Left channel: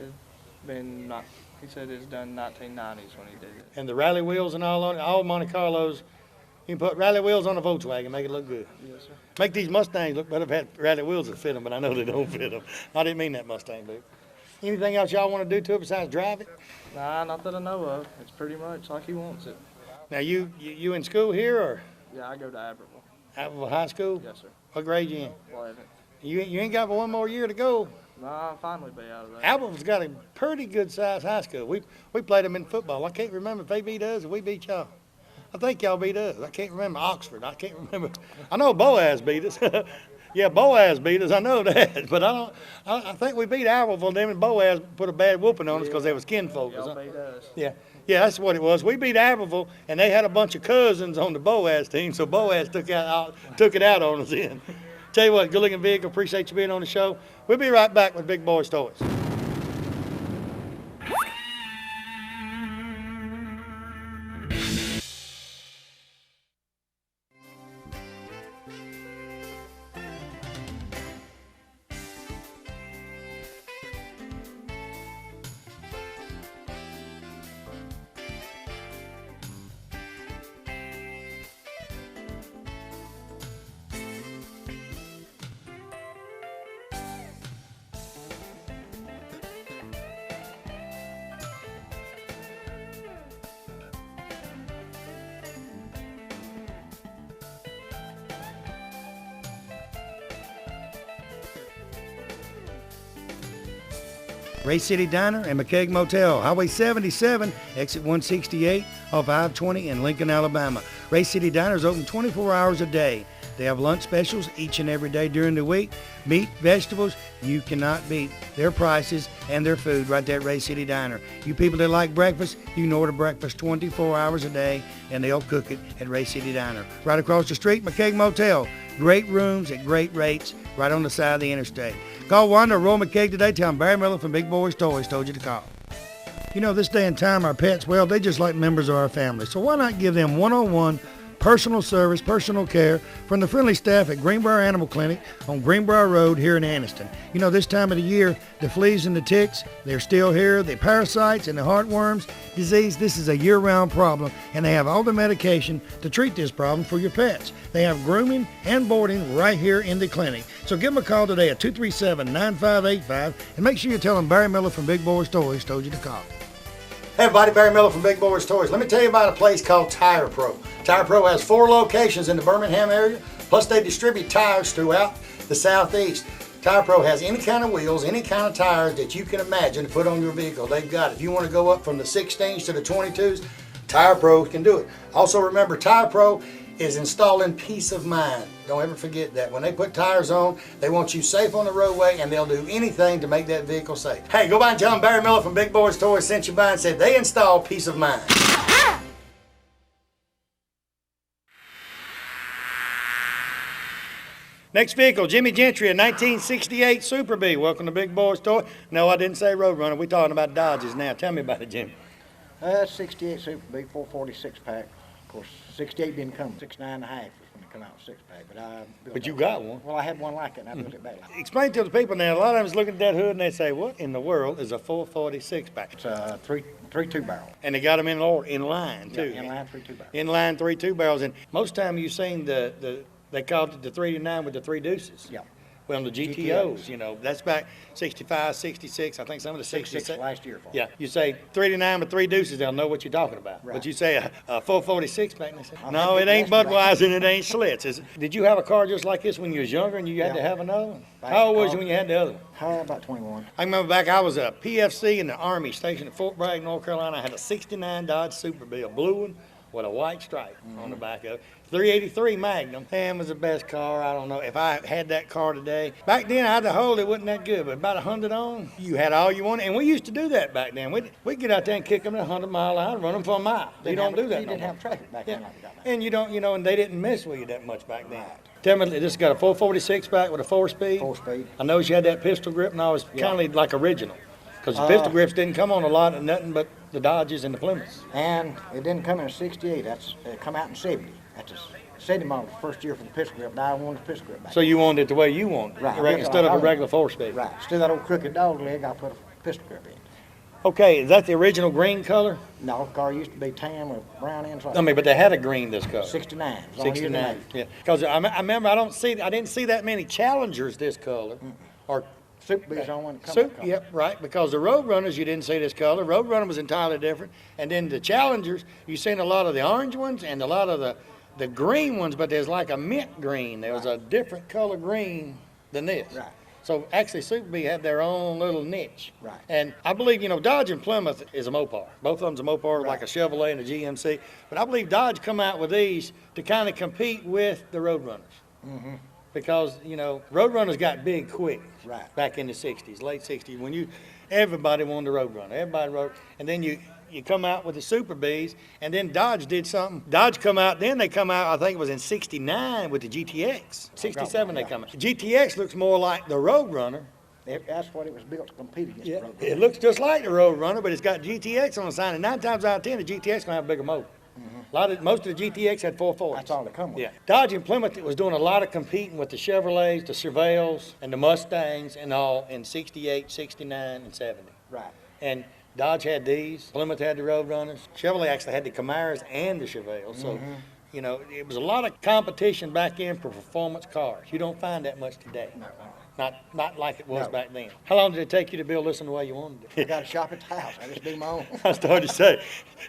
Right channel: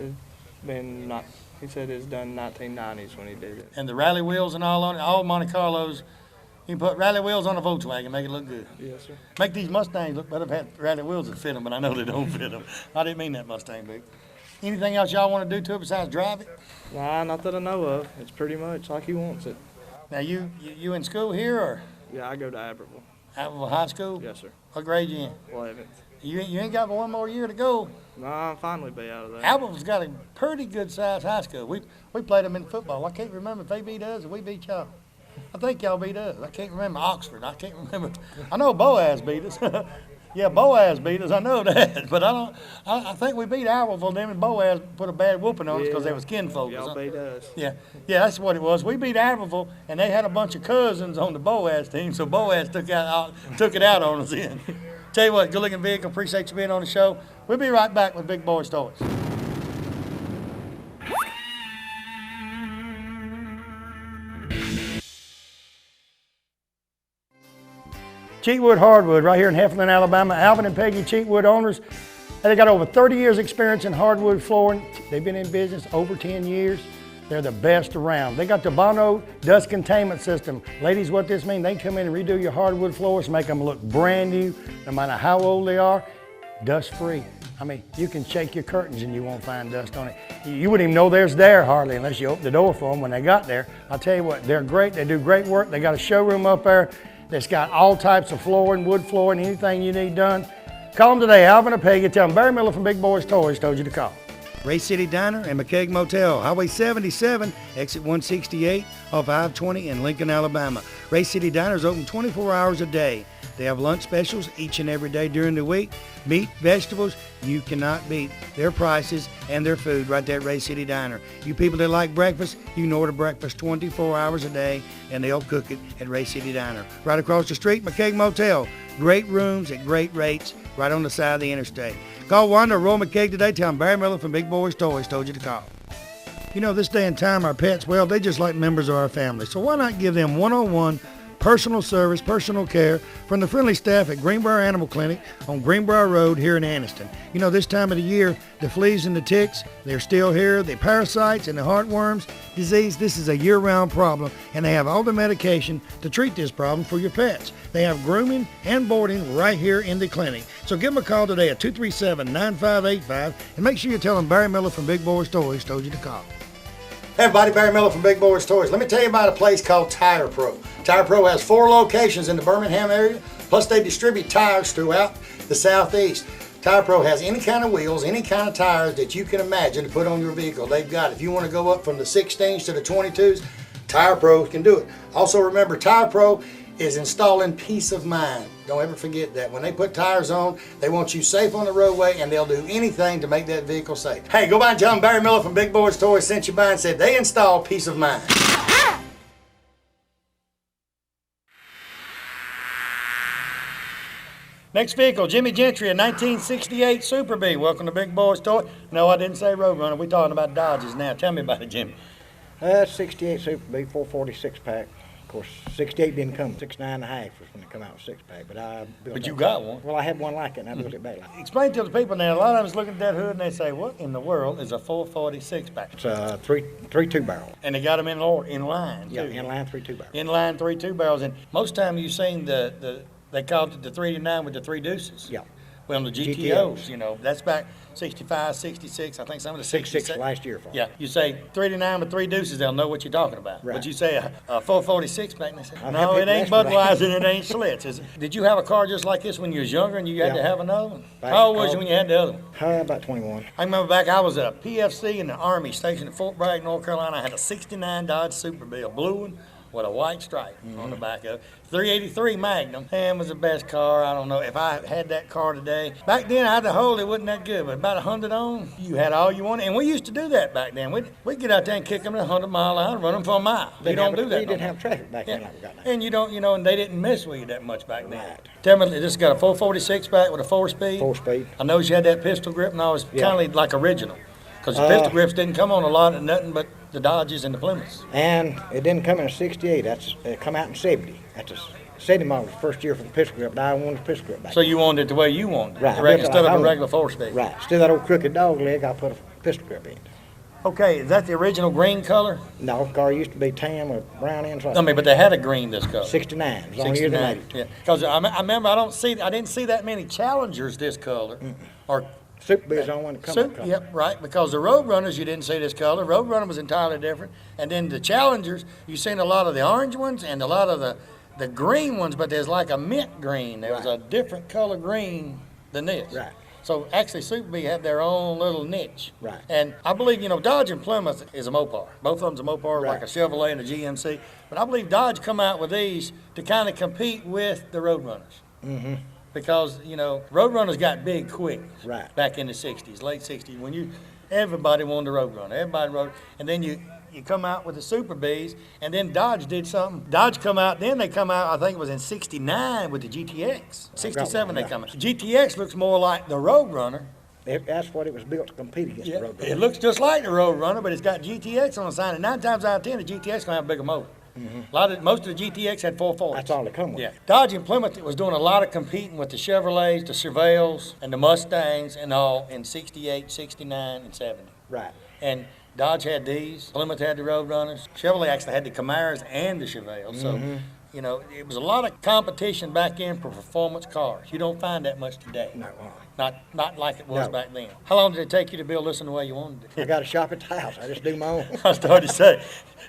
It's been not. He said it's done 1990s when he did it. And the rally wheels and all on it, all Monte Carlos. You can put rally wheels on a Volkswagen, make it look good. Yes, sir. Make these Mustangs look better if had rally wheels that fit them, but I know they don't fit them. I didn't mean that Mustang, big. Anything else y'all want to do to it besides drive it? Nah, not that I know of. It's pretty much like he wants it. Now you in school here or Yeah, I go to Abbeville. Abbeville High School? Yes, sir. What grade you in? 11th. You ain't got but one more year to go. Nah, I'll finally be out of there. Abbeville's got a pretty good sized high school. We played them in football. I can't remember if they beat us or we beat y'all. I think y'all beat us. I can't remember Oxford. I can't remember. I know Boaz beat us. Yeah, Boaz beat us. I know that, but I think we beat Abbeville. Them and Boaz put a bad whooping on us because they was kinfolk. Y'all beat us. Yeah, that's what it was. We beat Abbeville, and they had a bunch of cousins on the Boaz team, so Boaz took it out on us then. Tell you what, good looking vehicle. Appreciate you being on the show. We'll be right back with Big Boyz Toyz. Cheatwood Hardwood, right here in Heflin, Alabama. Alvin and Peggy Cheatwood owners. They got over 30 years experience in hardwood flooring. They've been in business over 10 years. They're the best around. They got the Bono dust containment system. Ladies, what this means, they can come in and redo your hardwood floors, make them look brand new, no matter how old they are, dust free. I mean, you can shake your curtains and you won't find dust on it. You wouldn't even know there's there hardly unless you open the door for them when they got there. I'll tell you what, they're great. They do great work. They got a showroom up there that's got all types of flooring, wood flooring, anything you need done. Call them today, Alvin or Peggy. Tell them Barry Miller from Big Boyz Toyz told you to call. Ray City Diner and McKeag Motel, Highway 77, exit 168 off I-20 in Lincoln, Alabama. Ray City Diner is open 24 hours a day. They have lunch specials each and every day during the week. Meat, vegetables, you cannot beat their prices and their food right there at Ray City Diner. You people that like breakfast, you can order breakfast 24 hours a day, and they'll cook it at Ray City Diner. Right across the street, McKeag Motel. Great rooms at great rates right on the side of the interstate. Call Wanda or Roy McKeag today. Tell them Barry Miller from Big Boyz Toyz told you to call. You know, this day and time, our pets, well, they just like members of our family. So why not give them one-on-one personal service, personal care from the friendly staff at Greenbrier Animal Clinic on Greenbrier Road here in Anniston. You know, this time of the year, the fleas and the ticks, they're still here. The parasites and the heartworms disease, this is a year-round problem, and they have all the medication to treat this problem for your pets. They have grooming and boarding right here in the clinic. So give them a call today at 237-9585, and make sure you tell them Barry Miller from Big Boyz Toyz told you to call. Hey everybody, Barry Miller from Big Boyz Toyz. Let me tell you about a place called Tire Pro. Tire Pro has 4 locations in the Birmingham area, plus they distribute tires throughout the Southeast. Tire Pro has any kind of wheels, any kind of tires that you can imagine to put on your vehicle. They've got it. If you want to go up from the 16s to the 22s, Tire Pro can do it. Also remember, Tire Pro is installing peace of mind. Don't ever forget that. When they put tires on, they want you safe on the roadway, and they'll do anything to make that vehicle safe. Hey, go by and tell them Barry Miller from Big Boyz Toyz sent you by and said they install peace of mind. Next vehicle, Jimmy Gentry, a 1968 Super Bee. Welcome to Big Boyz Toyz. No, I didn't say Roadrunner. We're talking about Dodges now. Tell me about it, Jimmy. 68 Super Bee, 446 pack. Of course, 68 didn't come. 69 and a half was when it come out with 6-pack. But I built But you it. got one. Well, I had one like it, and I built it back like it. Explain to the people now, a lot of us look at that hood and they say, what in the world is a 446 pack? It's a 3.2 barrel. And they got them in line, too. Yeah, inline 3.2 barrel. Inline 3.2 barrels. And most time you've seen they called it the 3-9 with the 3 deuces. Yeah. Well, the GTOs, you know, that's back 65, 66, I think some of the 66 last year for Yeah, you say 3-9 with 3 deuces, they'll know what you're talking about. Right. But you say a 446 pack, and they say, I'll no, have it to ain't ask me. Budweiser and it ain't Schlitz. Did you have a car just like this when you was younger and you had to have another one? Back How old was car. you when you had the other one? About 21. I remember back, I was a PFC in the Army stationed at Fort Bragg, North Carolina. I had a 69 Dodge Super Bee, a blue one with a white stripe on the back of it. 383 Magnum. And it was the best car. I don't know if I had that car today. Back then, I had the hold. It wasn't that good, but about 100 on, you had all you wanted. And we used to do that back then. We'd get out there and kick them at 100-mile line, run them for a mile. You don't do that You no didn't more. have traffic back then. Like we got now. And you don't, and they didn't mess with you that much back then. Tell me, this got a 446 back with a 4-speed? 4-speed. I noticed you had that pistol grip, and I was kind of like original. Because the pistol grips didn't come on a lot of nothing but the Dodges and the Plymouths. And it didn't come in a 68. It come out in 70. That's a 70 model, first year for the pistol grip, but I wanted the pistol grip back. So you wanted it the way you wanted it, Right. instead of a regular 4-speed. Right. Still that old crooked dog leg, I put a pistol grip end. Okay, is that the original green color? No, car used to be tan with brown ends. Like I mean, but they had a green this color. 69. It was on here tonight. Yeah, because I remember I didn't see that many Challengers this color, or Super B's on one to come. Super. Yep, right. Because the Roadrunners you didn't see this color. Roadrunner was entirely different, and then the Challengers you seen a lot of the orange ones and a lot of the green ones, but there's like a mint green. There was a different color green than this. Right. So actually, Super B had their own little niche. Right. And I believe, Dodge and Plymouth is a Mopar. Both of them's a Mopar, Right. like a Chevrolet and a GMC. But I believe Dodge come out with these to kind of compete with the Roadrunners. Mm-hmm. Because, Roadrunners got big quick. Right. Back in the 60s, late 60s, when everybody wanted a Roadrunner. Everybody rode. And then you come out with the Super Bs, and then Dodge did something. Dodge then they come out, I think it was in 69 with the GTX. 67 they come out. GTX looks more like the Roadrunner. That's what it was built to compete against the Roadrunner. It looks just like the Roadrunner, but it's got GTX on the side, and 9 times out of 10, the GTX gonna have a bigger motor. Most of the GTX had 440s. That's all they come with. Yeah. Dodge and Plymouth was doing a lot of competing with the Chevrolets, the Chevelles, and the Mustangs and all in 68, 69, and 70. Right. And Dodge had these, Plymouth had the Roadrunners, Chevrolet actually had the Camaros and the Chevelles. So, it was a lot of competition back in for performance cars. You don't find that much today. No, Not like it was No. back then. How long did it take you to build this in the way you wanted it? I got a shop at the house. I just do my own. I started to say,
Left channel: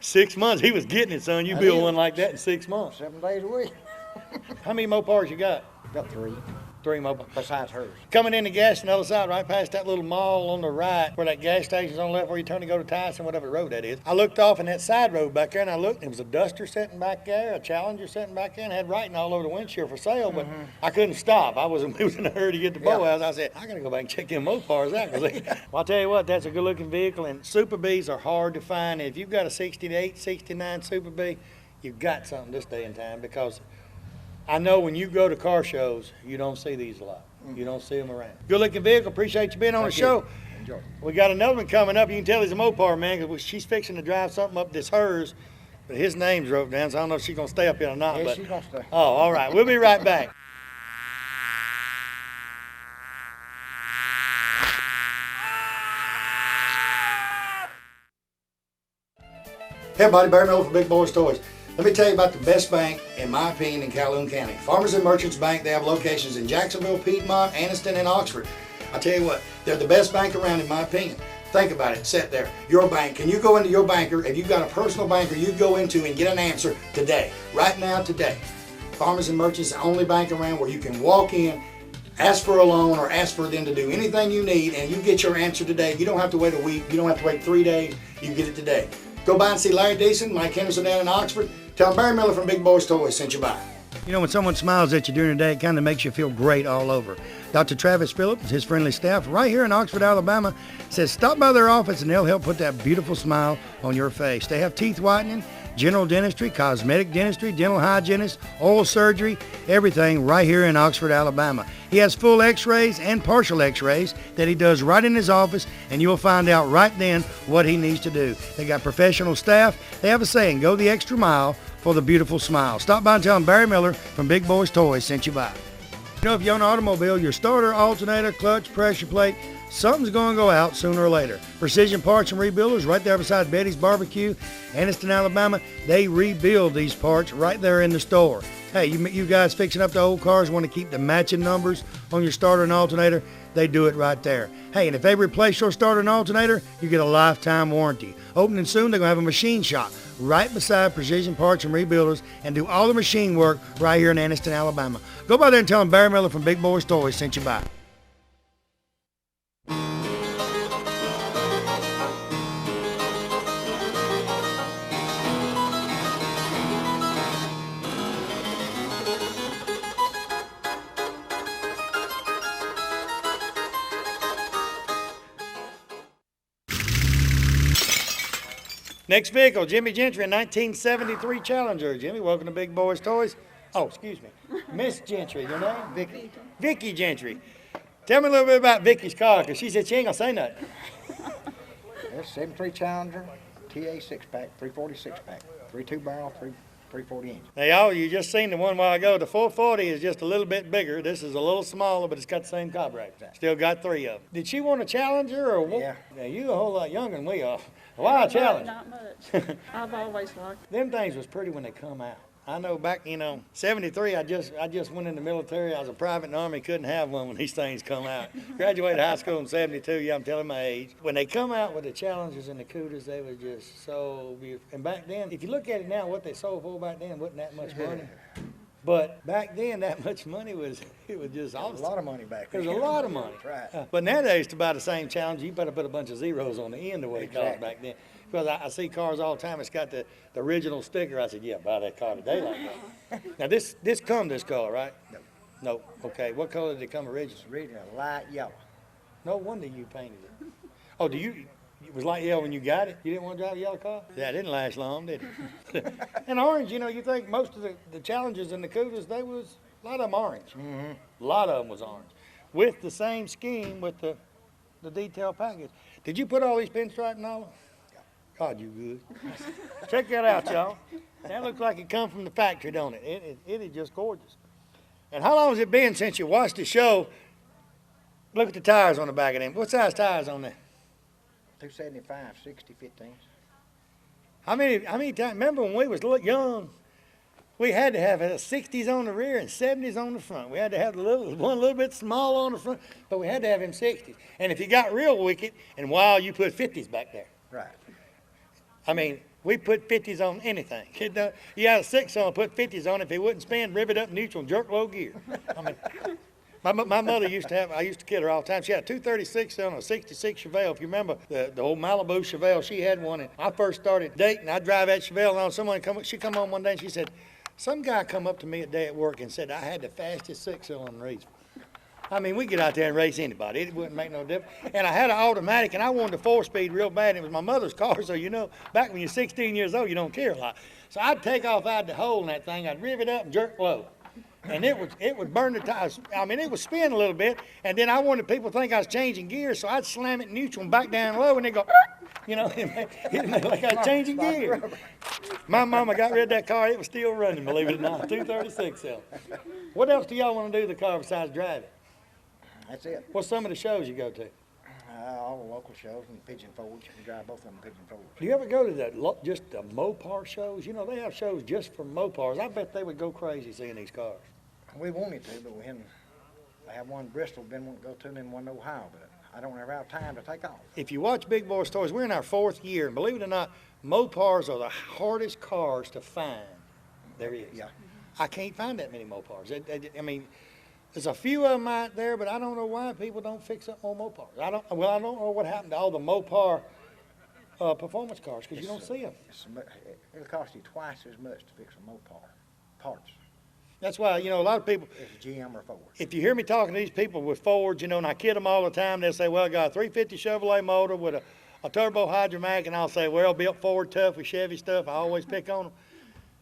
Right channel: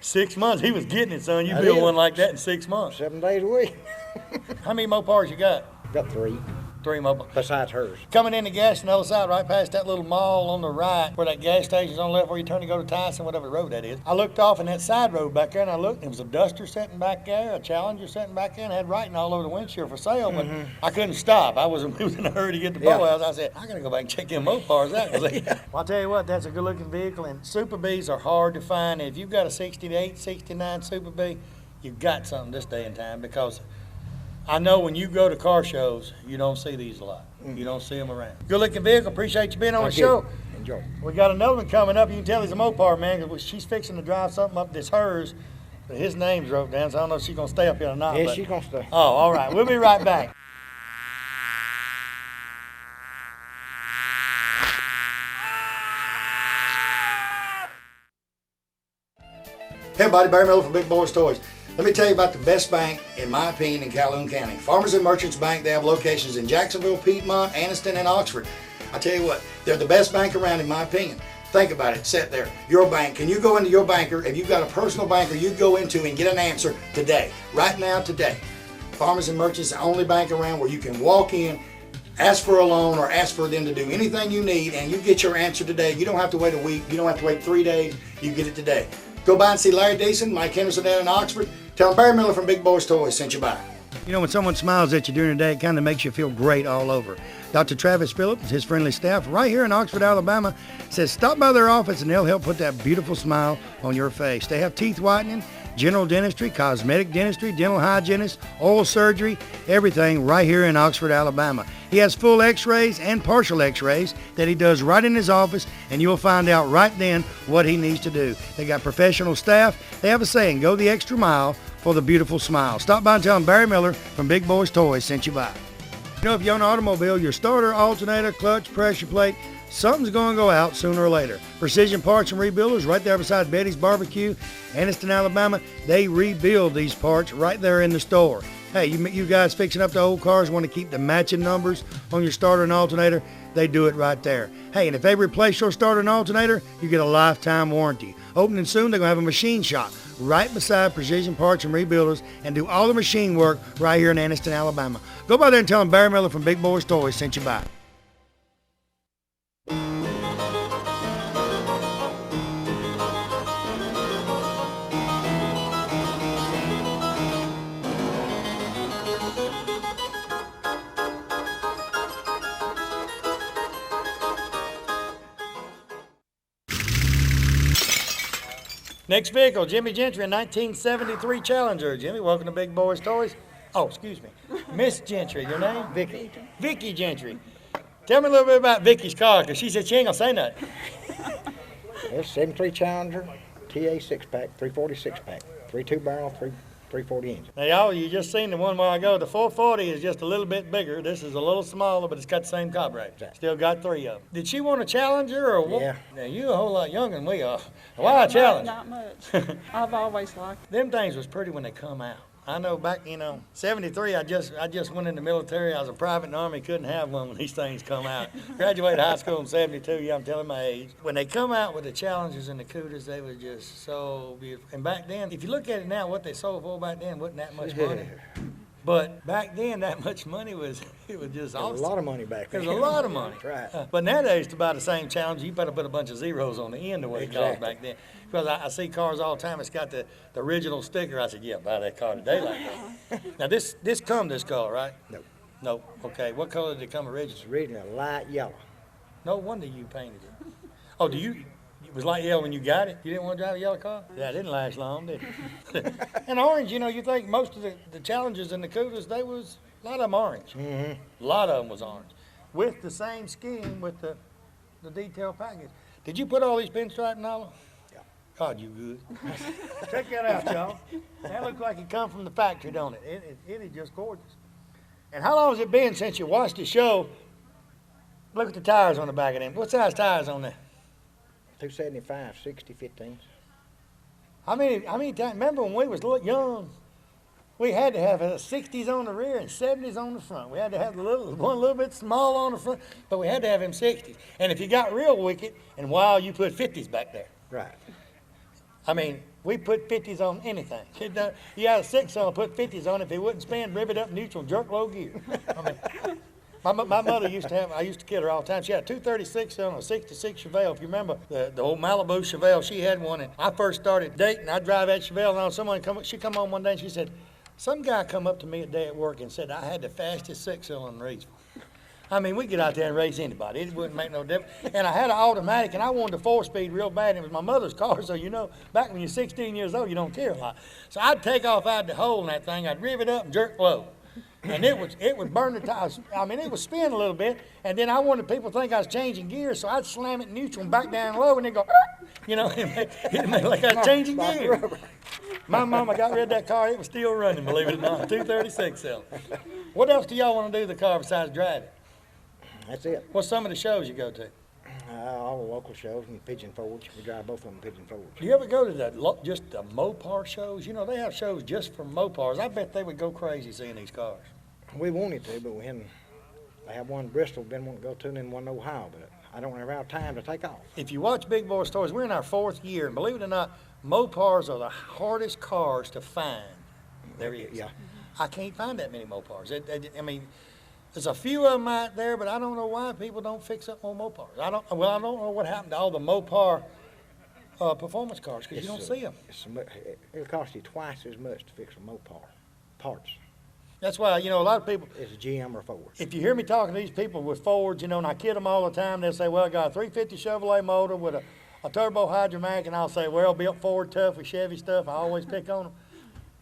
6 months. He was getting it, son. You I build did. one like that in 6 months. 7 days a week. How many Mopars you got? Got 3 3 Mopars. besides hers. Coming in the gas on the other side, right past that little mall on the right, where that gas station's on the left, where you turn to go to Tyson, whatever road that is. I looked off in that side road back there, and I looked, and it was a Duster sitting back there, a Challenger sitting back there, and had writing all over the windshield for sale, but I couldn't stop. I was in a hurry to get to Yeah. Boaz. I said, I gotta go back and check them Mopars out. Well, I'll tell you what, that's a good-looking vehicle, and Super Bs are hard to find. And if you've got a 68, 69 Super B, you've got something this day and time, because I know when you go to car shows, you don't see these a lot. You don't see them around. Good looking vehicle. Appreciate you being on the show. Enjoy. We got another one coming up. You can tell he's a Mopar man, because she's fixing to drive something up that's hers, but his name's wrote down, so I don't know if she's gonna stay up here or not. Yeah, but- she's gonna stay. Oh, all right. We'll be right back. Hey everybody, Barry Miller from Big Boyz Toys. Let me tell you about the best bank, in my opinion, in Calhoun County. Farmers and Merchants Bank. They have locations in Jacksonville, Piedmont, Anniston, and Oxford. I tell you what, they're the best bank around, in my opinion. Think about it. Sit there. Your bank. Can you go into your banker? If you've got a personal banker, you go into and get an answer today. Right now, today. Farmers and Merchants, the only bank around where you can walk in, ask for a loan, or ask for them to do anything you need, and you get your answer today. You don't have to wait a week. You don't have to wait 3 days. You get it today. Go by and see Larry Deason, Mike Henderson down in Oxford. Tell them Barry Miller from Big Boyz Toys sent you by. When someone smiles at you during the day, it kind of makes you feel great all over. Dr. Travis Phillips and his friendly staff right here in Oxford, Alabama, says stop by their office and they'll help put that beautiful smile on your face. They have teeth whitening, general dentistry, cosmetic dentistry, dental hygienist, oral surgery, everything right here in Oxford, Alabama. He has full x-rays and partial x-rays that he does right in his office, and you'll find out right then what he needs to do. They got professional staff. They have a saying, go the extra mile for the beautiful smile. Stop by and tell them Barry Miller from Big Boyz Toys sent you by. If you own an automobile, your starter, alternator, clutch, pressure plate, something's going to go out sooner or later. Precision Parts and Rebuilders, right there beside Betty's Barbecue, Anniston, Alabama, they rebuild these parts right there in the store. Hey, you guys fixing up the old cars, want to keep the matching numbers on your starter and alternator, they do it right there. Hey, and if they replace your starter and alternator, you get a lifetime warranty. Opening soon, they're going to have a machine shop right beside Precision Parts and Rebuilders and do all the machine work right here in Anniston, Alabama. Go by there and tell them Barry Miller from Big Boyz Toys sent you by. Next vehicle, Jimmy Gentry, a 1973 Challenger. Jimmy, welcome to Big Boyz Toys. Oh, excuse me. Miss Gentry, your name? Vicky. Vicky Gentry. Tell me a little bit about Vicky's car, because she said she ain't going to say nothing. It's 73 Challenger, TA 6-pack, 340 6-pack, 3.2 barrel, 340 engine. Now, y'all, you just seen the one while ago. The 440 is just a little bit bigger. This is a little smaller, but it's got the same carburetor. Still got 3 of them. Did she want a Challenger or what? Yeah. Now, you a whole lot younger than we are. Why a Challenger? Not much. I've always liked Them things was pretty when they come out. I know back, 73, I just went in the military. I was a private in the Army, couldn't have one when these things come out. Graduated high school in 72, yeah, I'm telling my age. When they come out with the Challengers and the Cooters, they were just so beautiful. And back then, if you look at it now, what they sold for back then wasn't that much money. But back then, that much money it was just awesome. A lot of money back It then. was a lot of money. That's right. But nowadays, to buy the same Challenger, you better put a bunch of zeros on the end of what it cost back then. Because I see cars all the time, it's got the original sticker. I said, yeah, buy that car today like that. Now, this color, right? No. No. Okay, what color did it come originally? It's really a light yellow. No wonder you painted it. Oh, it was light yellow when you got it? You didn't want to drive a yellow car? Yeah, it didn't last long, did it? And orange, you think most of the Challengers and the Cooters, a lot of them orange. Mm-hmm. A lot of them was orange. With the same scheme with the detail package. Did you put all these pinstriping all? God, you good. Check that out, y'all. That looks like it come from the factory, don't it? It is just gorgeous. And how long has it been since you watched the show? Look at the tires on the back of them. What size tires on there? 275, 60, 15s. How many times? Remember when we was young, we had to have 60s on the rear and 70s on the front. We had to have one a little bit small on the front, but we had to have them 60s. And if you got real wicked and wild, you put 50s back there. Right. I mean, we put 50s on anything. You had a 6-cylinder, put 50s on. If it wouldn't spin, riv it up neutral, jerk low gear. I mean, my mother used to have, I used to kid her all the time. She had a 236 on a 66 Chevelle. If you remember the old Malibu Chevelle, she had one. And I first started dating, I'd drive that Chevelle, and she come home one day and she said, some guy come up to me a day at work and said I had the fastest 6-cylinder in Raceville. I mean, we get out there and race anybody. It wouldn't make no difference. And I had an automatic, and I wanted a 4-speed real bad. It was my mother's car, so back when you're 16 years old, you don't care a lot. So I'd take off out the hole in that thing. I'd riv it up and jerk low. And it would burn the tires. I mean, it would spin a little bit, and then I wanted people to think I was changing gears, so I'd slam it neutral and back down low, and they'd go, it made like I was changing gears. My mama got rid of that car. It was still running, believe it or not, 236 cell. What else do y'all want to do to the car besides drive it? That's it. What's some of the shows you go to? All the local shows and Pigeon Forge. We drive both of them Pigeon Forge. Do you ever go to just the Mopar shows? They have shows just for Mopars. I bet they would go crazy seeing these cars. We wanted to, but we hadn't. I have one in Bristol, didn't want to go to, and then one in Ohio, but I don't ever have time to take off. If you watch Big Boyz Toyz, we're in our 4th year, and believe it or not, Mopars are the hardest cars to find there is. Yeah. I can't find that many Mopars. I mean, there's a few of them out there, but I don't know why people don't fix up more Mopars. I don't know what happened to all the Mopar performance cars, because you don't see them. It'll cost you twice as much to fix a Mopar parts. That's why, a lot of people, It's GM or Ford. if you hear me talking to these people with Fords, and I kid them all the time, they'll say, well, I got a 350 Chevrolet motor with a turbo hydromatic, and I'll say, well, built Ford tough with Chevy stuff. I always pick on them.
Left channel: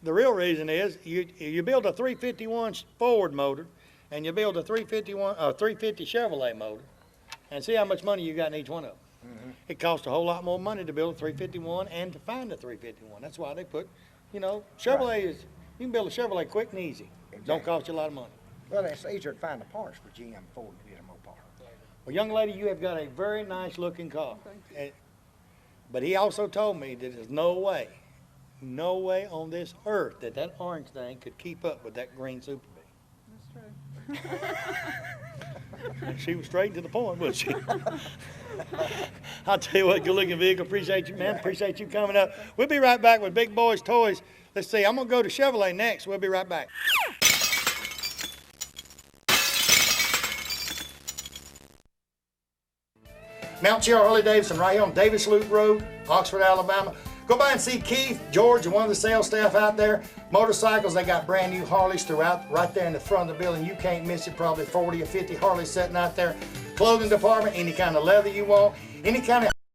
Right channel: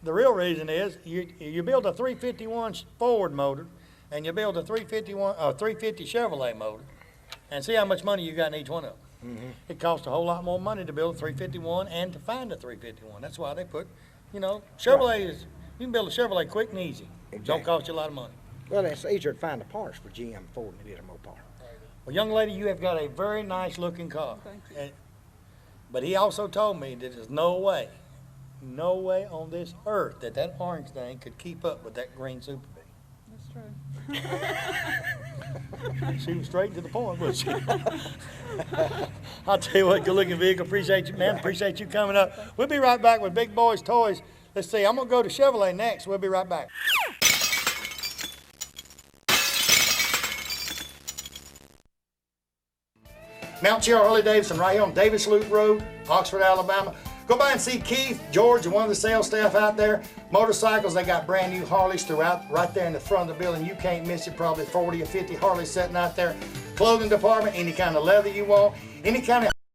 The real reason is you build a 351 Ford motor, and you build a 350 Chevrolet motor, and see how much money you got in each one of them. Mm-hmm. It costs a whole lot more money to build a 351 and to find a 351. That's why they put, Chevrolet is, you can build a Chevrolet quick and easy. It don't cost you a lot of money. Well, it's easier to find the parts for GM and Ford than it is a Mopar. Well, young lady, you have got a very nice looking car. But he also told me that there's no way on this earth that orange thing could keep up with that green Super Bee. That's true. She was straight to the point, wasn't she? I'll tell you what, good looking vehicle. Appreciate you, man. Appreciate you coming up. We'll be right back with Big Boyz Toyz. Let's see, I'm going to go to Chevrolet next. We'll be right back. Mount Cheryl Harley Davidson right here on Davis Loop Road, Oxford, Alabama. Go by and see Keith, George, and one of the sales staff out there. Motorcycles, they got brand new Harleys throughout, right there in the front of the building. You can't miss it, probably 40 or 50 Harleys sitting out there. Clothing department, any kind of leather you want, any kind of